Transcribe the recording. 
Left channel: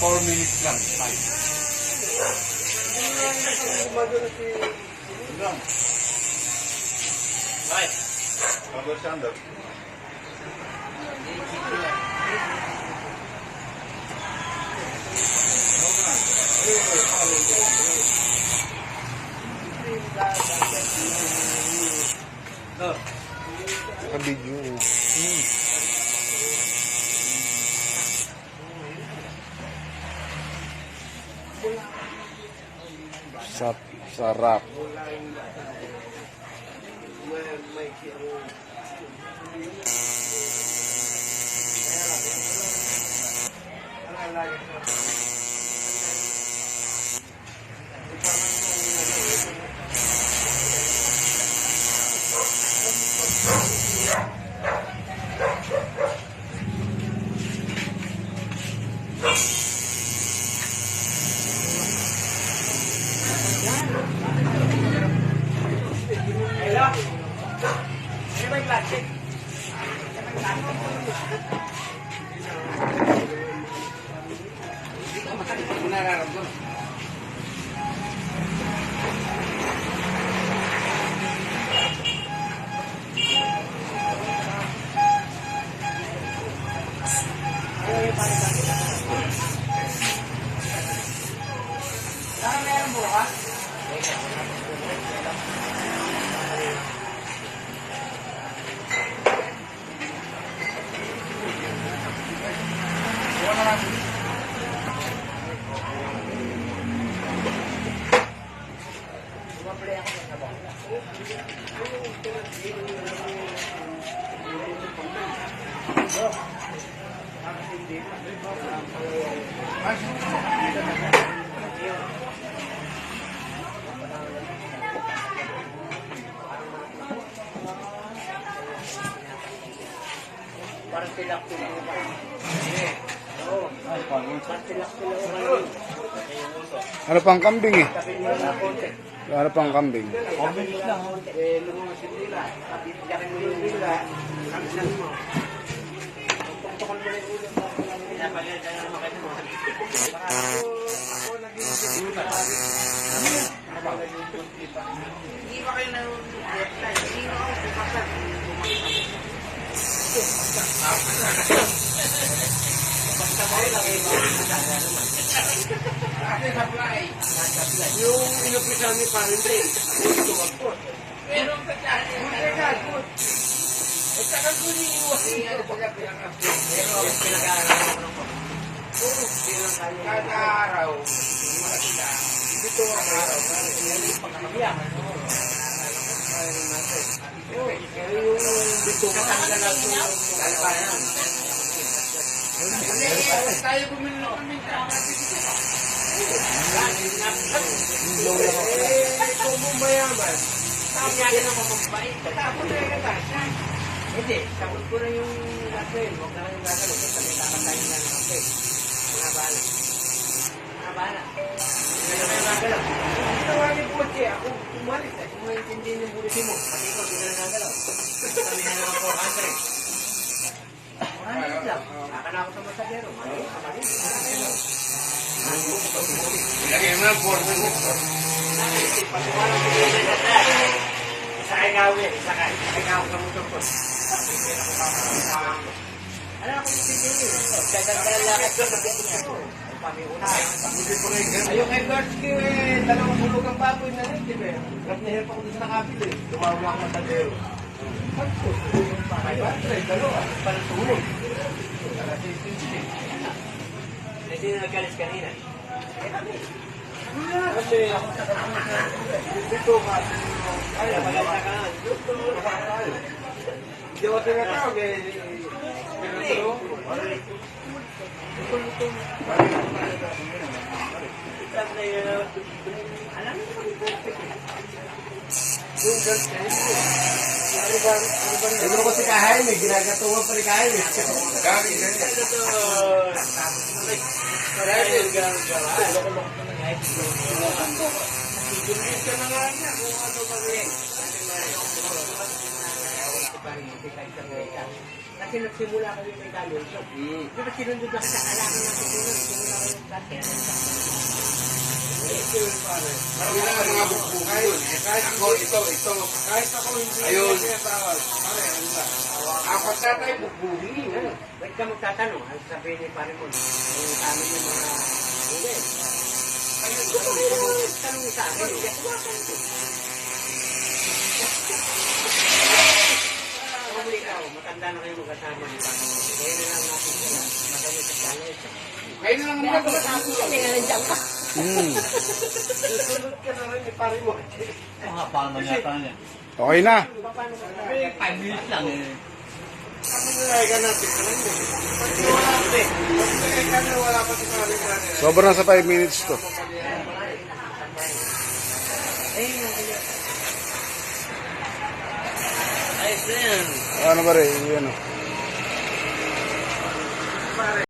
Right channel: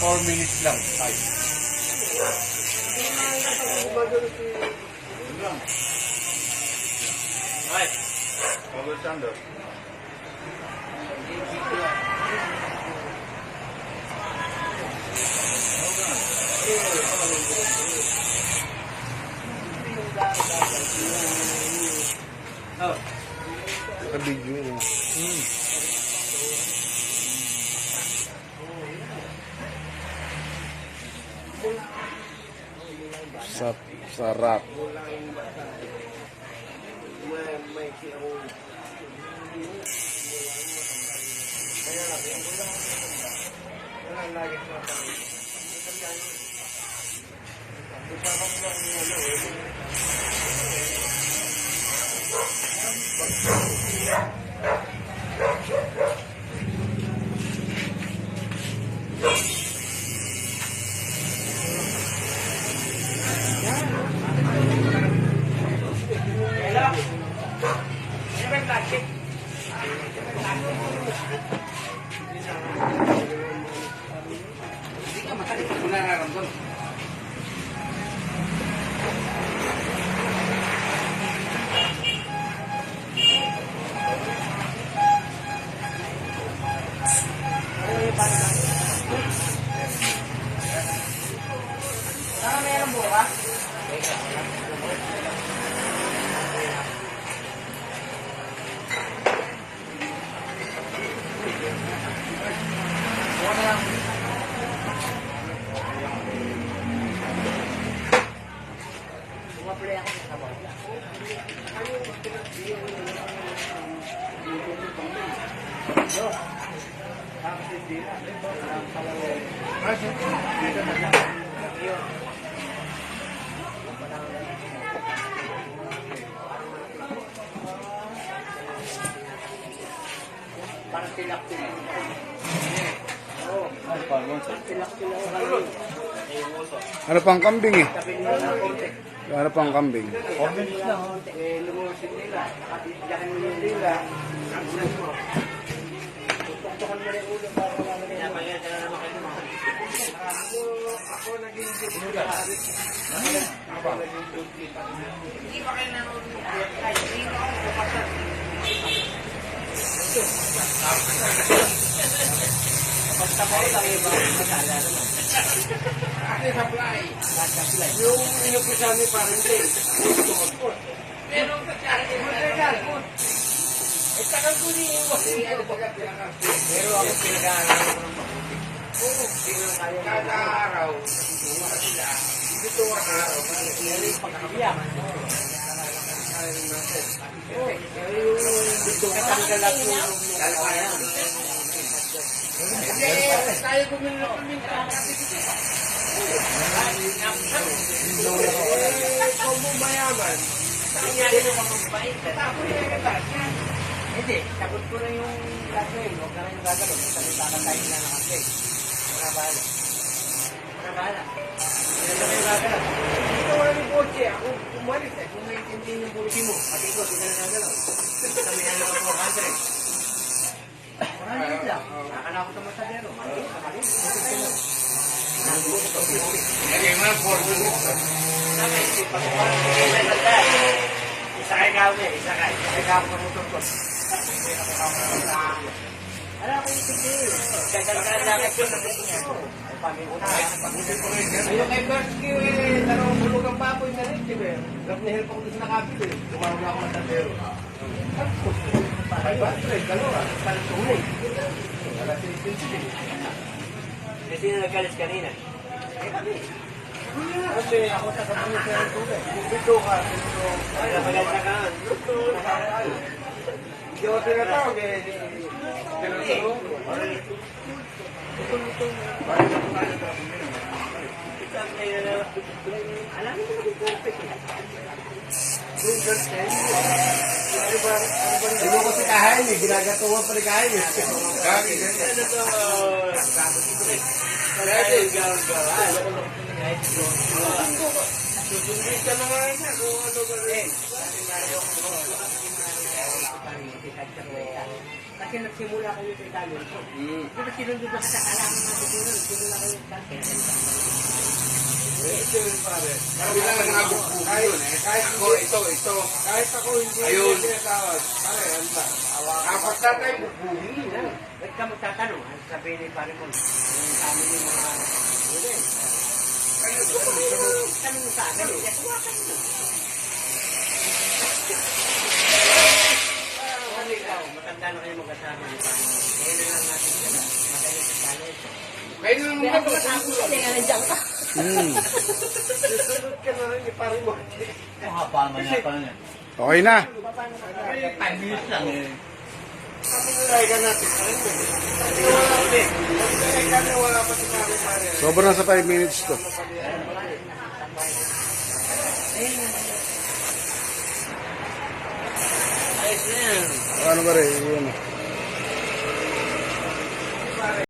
Four minutes lang. Right. Pablo Santos. Naka-video mo. Sarap. Ano pang kambing eh? Ano pang kambing? Yung inupisa mo pa rin rin. Pero at saka ko yung ano pagka pinaka. Pero ako pinag-aaral. Kada araw, dito ang araw, yung pagkakabiyaman. Pero yung dito katanggal ako yung kalpayan. Tayo bumili ng kuling sa dito. Kung bumayaman, sabi nga rin ang mamambait. Tapos na yung kasi. Hindi, tapos ko na yung kasi. Huwag na yung gagawin. Sabi-sama tayo na ng kasi. Mga bahala. Mga bahala. Hindi na yung gagalaw. Hindi naman yung polisi. Ako umalis eh. Kung maintindihan yung polisi mo. Kasi ito, hindi na gagalaw. Sabi na lang ako 400. Mahalit lang. Akala ko sa masagero. Mahalit. Lagi nga po. Isa kayo gawin, isa kayo gawin sa motor ko. Alam ko yung sige, gagandaan lakad ko sa buhay ko. Ayun kay Bertki, dalawang bulog ang baboy na rin, di ba? Ras na help ako dito sa kapit eh. Tumawag ako matadero. Ay, bakit? Dalawa. Parang tulog. Kasi na nagkalis kanina. Kasi ako sa kapamit dito ka. Ay, maganda ka. Hindi ako tinatawag eh. Alam mo ito yung perfect. Yung girlfriend. Hindi ko kasi kahain eh. Ginagatungan pa rin kahain eh. Dami ganyan. Marami dyan ka. Hindi ka na nga niya kung ano ba rin. Kasi nagsimula kayo kay Daniel. Di ba sinundod na sa kailangan ng pagpunod? Simula kayo dati. Kami lang ang nabukbuki yun. Kahit ito. Kahit ako hindi Ayun. sinatawag. Apat na tayo bukbuki. Ba't ka magtatanong? Ay sabihin ni pare mo. Yung kami yung mga... Hindi. Tanong sa akin. Ano ikaw? Matanda na kayo mag-asama. Kaya na lang natin sila. Nakayo sa college. Kayo na lang mga Susunod ka na rin ni pare mo. Okay na. Paano na? 5 minutes lang eh. Pagmulay ka natin. Wala natin. Kaya wala pa sinabi pare. Sobra na sa 5 minutes to. Ayos na yan. Ano ba rin? Yan o.